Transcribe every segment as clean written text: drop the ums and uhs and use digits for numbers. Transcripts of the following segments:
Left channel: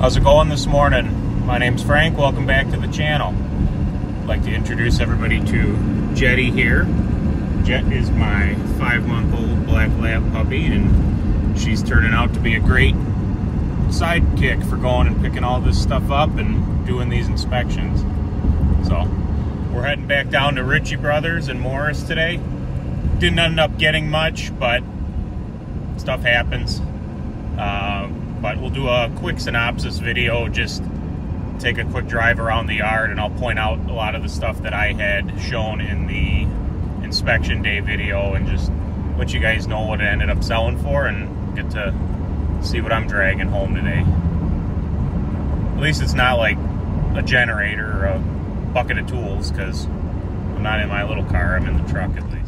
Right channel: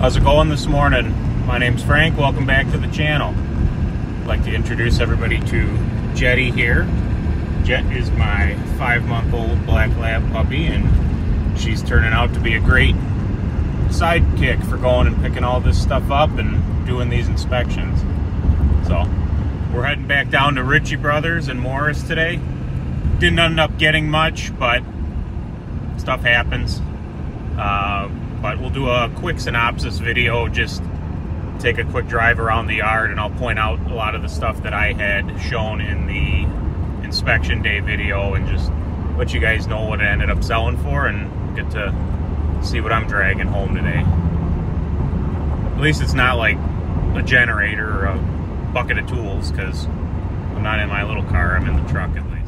How's it going this morning? My name's Frank. Welcome back to the channel. I'd like to introduce everybody to Jetty here. Jet is my 5-month-old black lab puppy, and she's turning out to be a great sidekick for going and picking all this stuff up and doing these inspections. So we're heading back down to Ritchie Bros in Morris today. Didn't end up getting much, but stuff happens. But we'll do a quick synopsis video, just take a quick drive around the yard, and I'll point out a lot of the stuff that I had shown in the inspection day video and just let you guys know what it ended up selling for, and get to see what I'm dragging home today. At least it's not like a generator or a bucket of tools, because I'm not in my little car, I'm in the truck at least.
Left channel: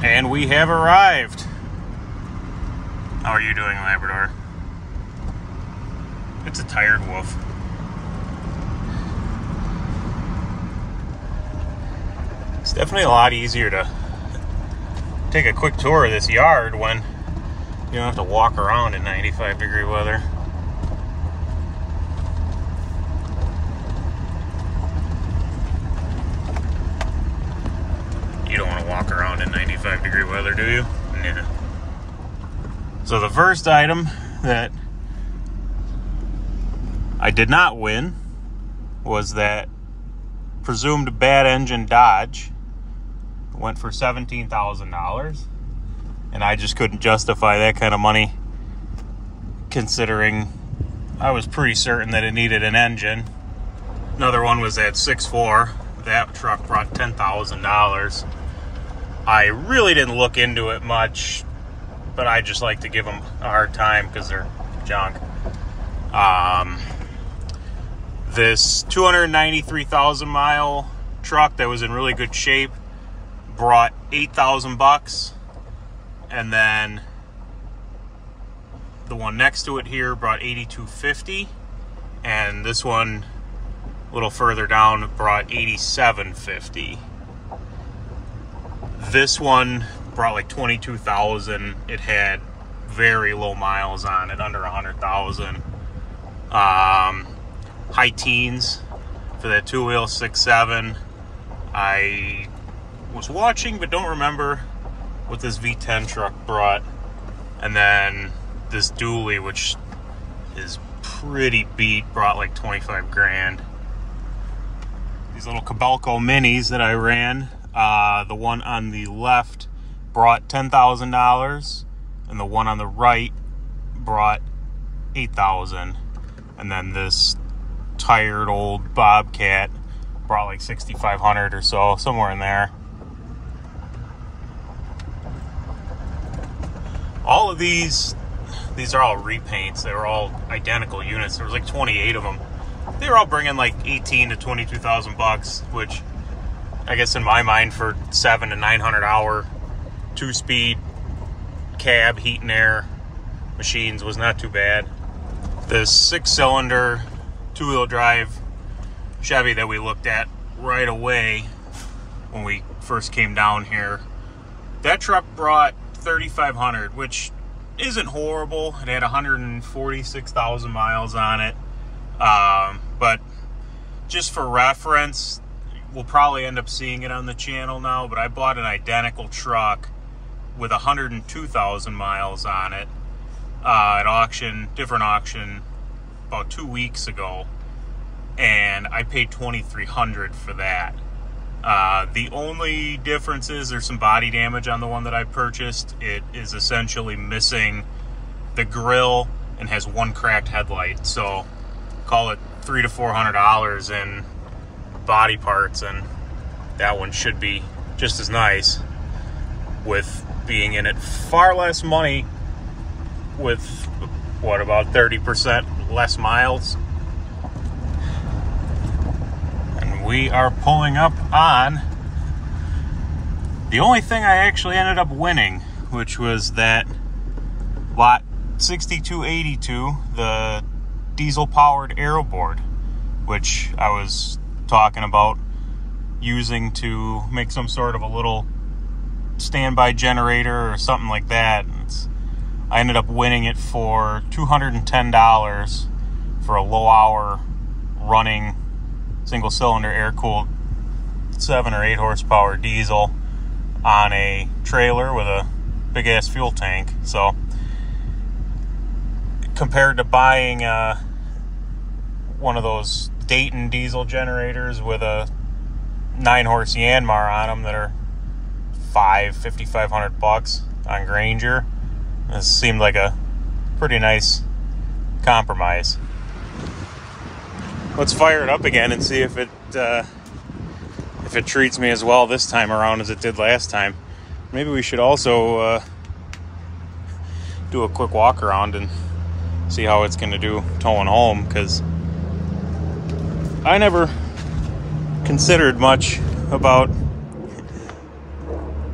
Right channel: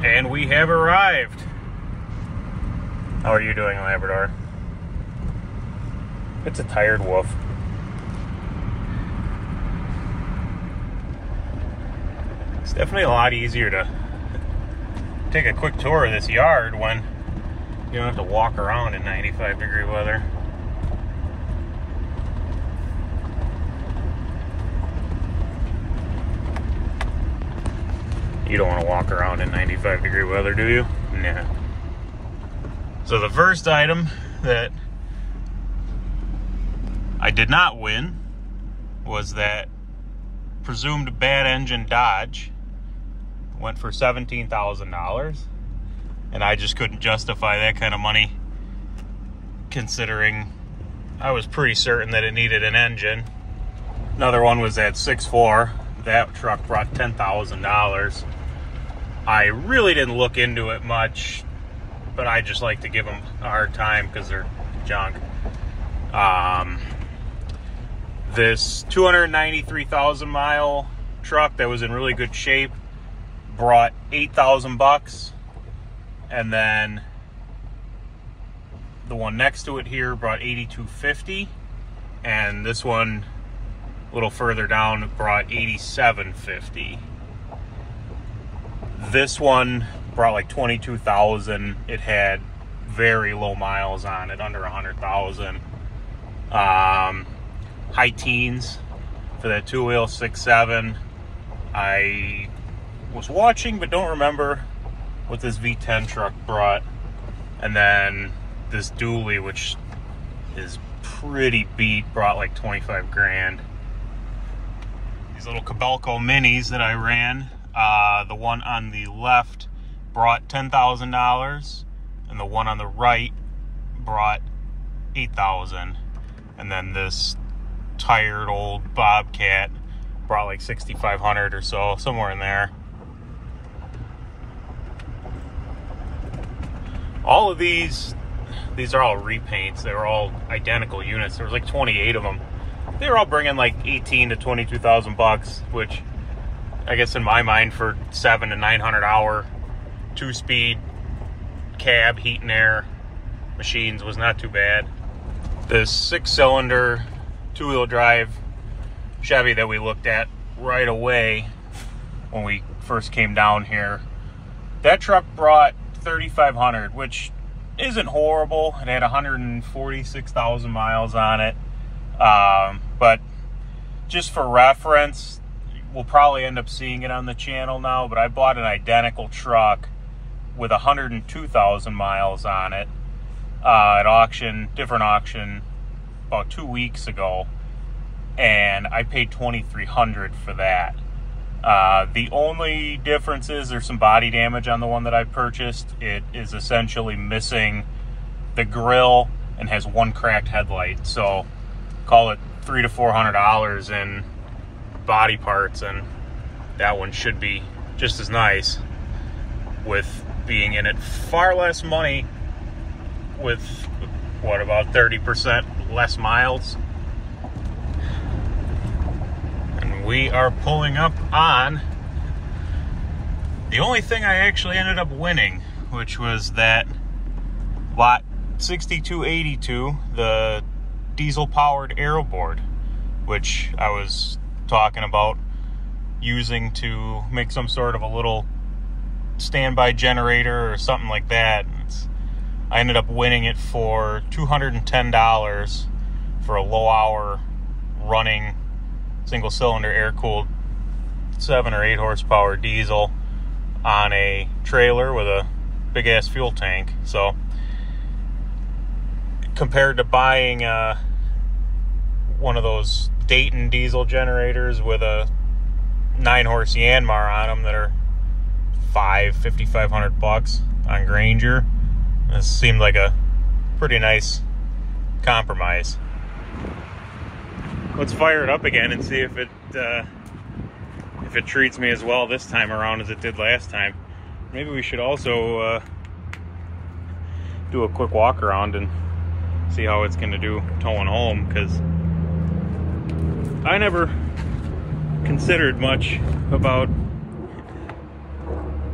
And we have arrived. How are you doing, Labrador? It's a tired wolf. It's definitely a lot easier to take a quick tour of this yard when you don't have to walk around in 95-degree weather. You don't want to walk around in 95-degree weather, do you? Yeah. So the first item that I did not win was that presumed bad engine Dodge. Went for $17,000, and I just couldn't justify that kind of money, considering I was pretty certain that it needed an engine. Another one was that 6.4. That truck brought $10,000. I really didn't look into it much, but I just like to give them a hard time because they're junk. This 293,000 mile truck that was in really good shape brought $8,000, and then the one next to it here brought $8,250, and this one a little further down brought $8,750. This one brought like 22,000. It had very low miles on it, under 100,000. High teens for that two-wheel 6.7. I was watching but don't remember what this V10 truck brought. And then this dually, which is pretty beat, brought like 25 grand. These little Cabelco minis that I ran, the one on the left brought $10,000, and the one on the right brought $8,000. And then this tired old Bobcat brought like $6,500 or so, somewhere in there. All of these are all repaints. They were all identical units. There was like 28 of them. They were all bringing like 18 to 22,000 bucks, which I guess in my mind for 700 to 900 hour 2-speed cab heat and air machines was not too bad. The 6-cylinder 2-wheel drive Chevy that we looked at right away when we first came down here, that truck brought $3,500, which isn't horrible. It had 146,000 miles on it. But just for reference, we'll probably end up seeing it on the channel now, but I bought an identical truck with 102,000 miles on it at auction, different auction, about 2 weeks ago, and I paid $2,300 for that. The only difference is there's some body damage on the one that I purchased. It is essentially missing the grille and has one cracked headlight, so call it $300 to $400 in body parts, and that one should be just as nice, with being in it far less money with what, about 30% less miles. And we are pulling up on the only thing I actually ended up winning, which was that lot 6282, the diesel powered aero board, which I was talking about using to make some sort of a little standby generator or something like that. I ended up winning it for $210 for a low hour running single cylinder air cooled 7 or 8 horsepower diesel on a trailer with a big ass fuel tank. So compared to buying one of those Dayton diesel generators with a 9 horse Yanmar on them that are $5,500 on Grainger, this seemed like a pretty nice compromise. Let's fire it up again and see if it treats me as well this time around as it did last time. Maybe we should also do a quick walk around and see how it's going to do towing home, because I never considered much about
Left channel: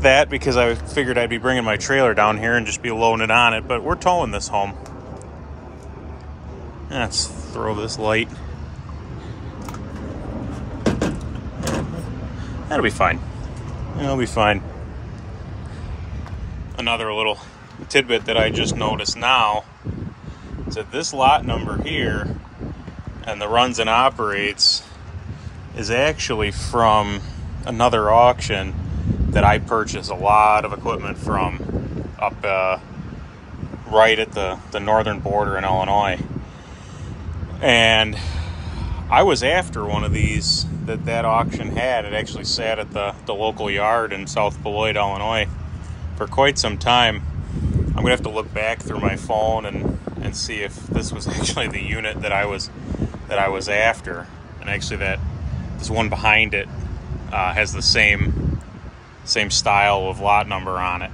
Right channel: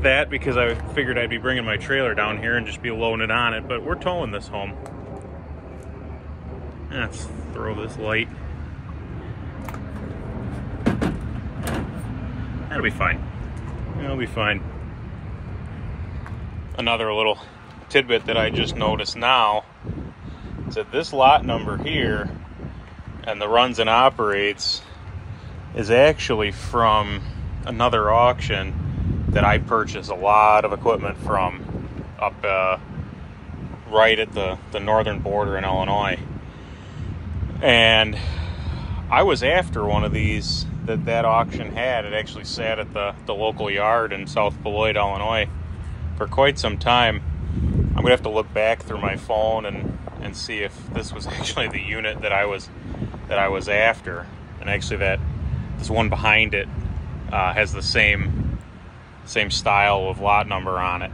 that because I figured I'd be bringing my trailer down here and just be loading it on it, but we're towing this home. Let's throw this light. That'll be fine. It'll be fine. Another little tidbit that I just noticed now is that this lot number here and the runs and operates is actually from another auction that I purchased a lot of equipment from up right at the northern border in Illinois. And I was after one of these that auction had. It actually sat at the local yard in South Beloit, Illinois for quite some time. I'm gonna have to look back through my phone and see if this was actually the unit that I was after. And actually this one behind it has the same style of lot number on it.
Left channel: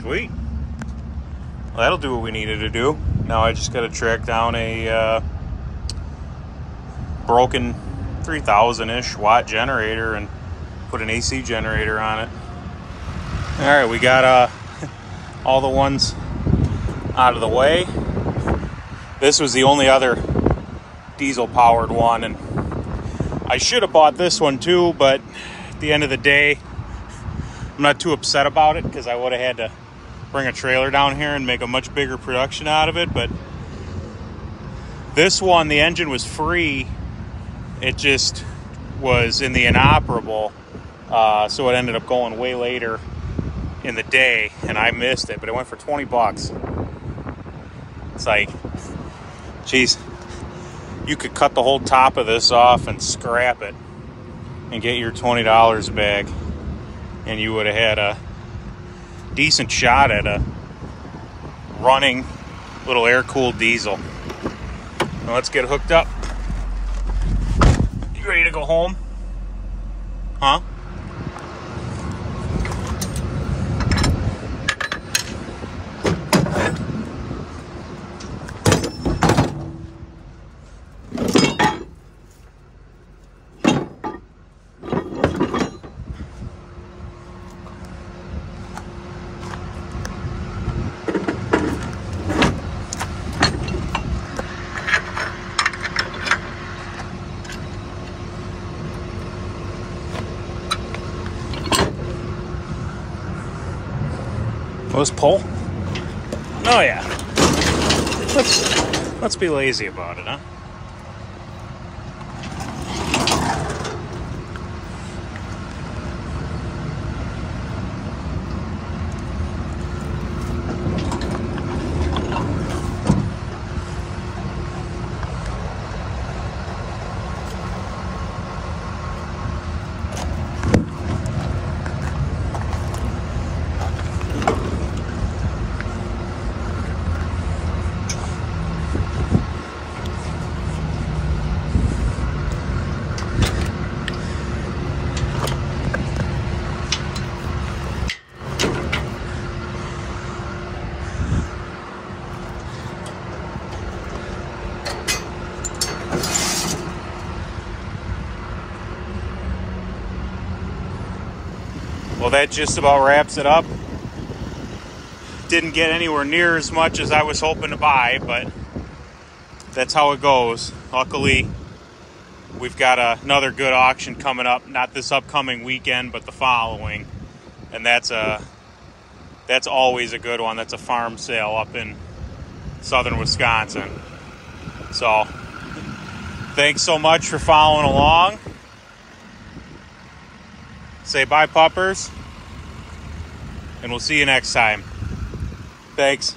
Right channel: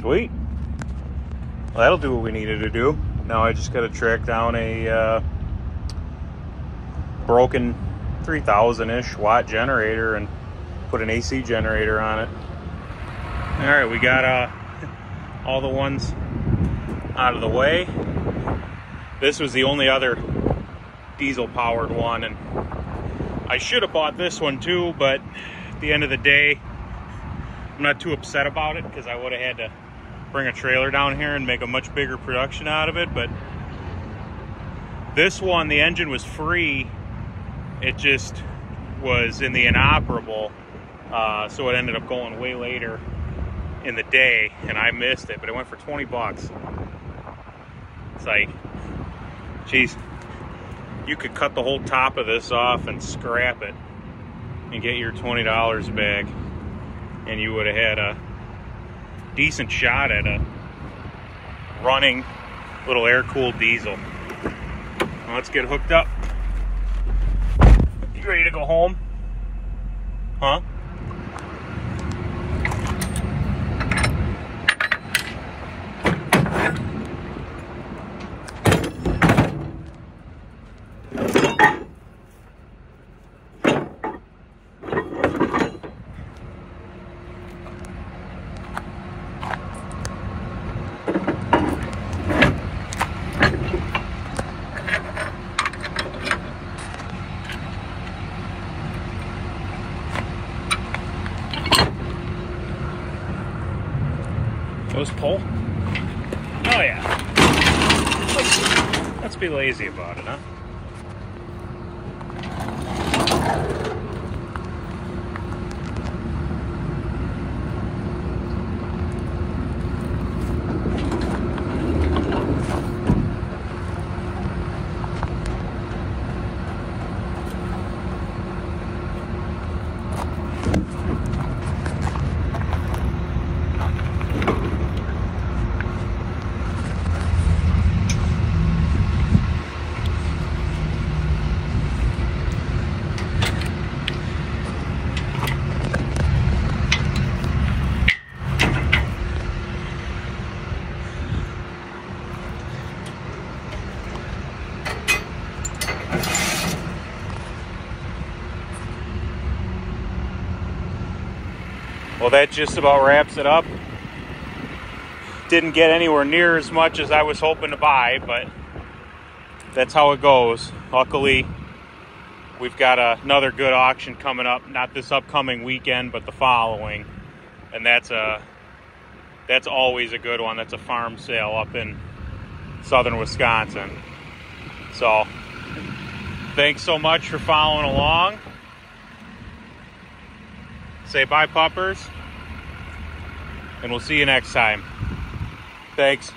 Sweet. Well, that'll do what we needed to do. Now I just got to track down a broken 3,000-ish watt generator and put an AC generator on it. All right, we got all the ones out of the way. This was the only other diesel-powered one, and I should have bought this one too, but at the end of the day, I'm not too upset about it because I would have had to bring a trailer down here and make a much bigger production out of it. But this one, the engine was free. It just was in the inoperable, so it ended up going way later in the day, and I missed it, but it went for 20 bucks. It's like, geez, you could cut the whole top of this off and scrap it and get your $20 back, and you would have had a decent shot at a running little air-cooled diesel. Now let's get hooked up. You ready to go home? Huh? Let's pull. Oh yeah. Let's be lazy about it, huh? Well, that just about wraps it up. Didn't get anywhere near as much as I was hoping to buy, but that's how it goes. Luckily, we've got another good auction coming up, not this upcoming weekend, but the following. And that's always a good one. That's a farm sale up in southern Wisconsin. So, thanks so much for following along. Say bye, puppers. And we'll see you next time. Thanks.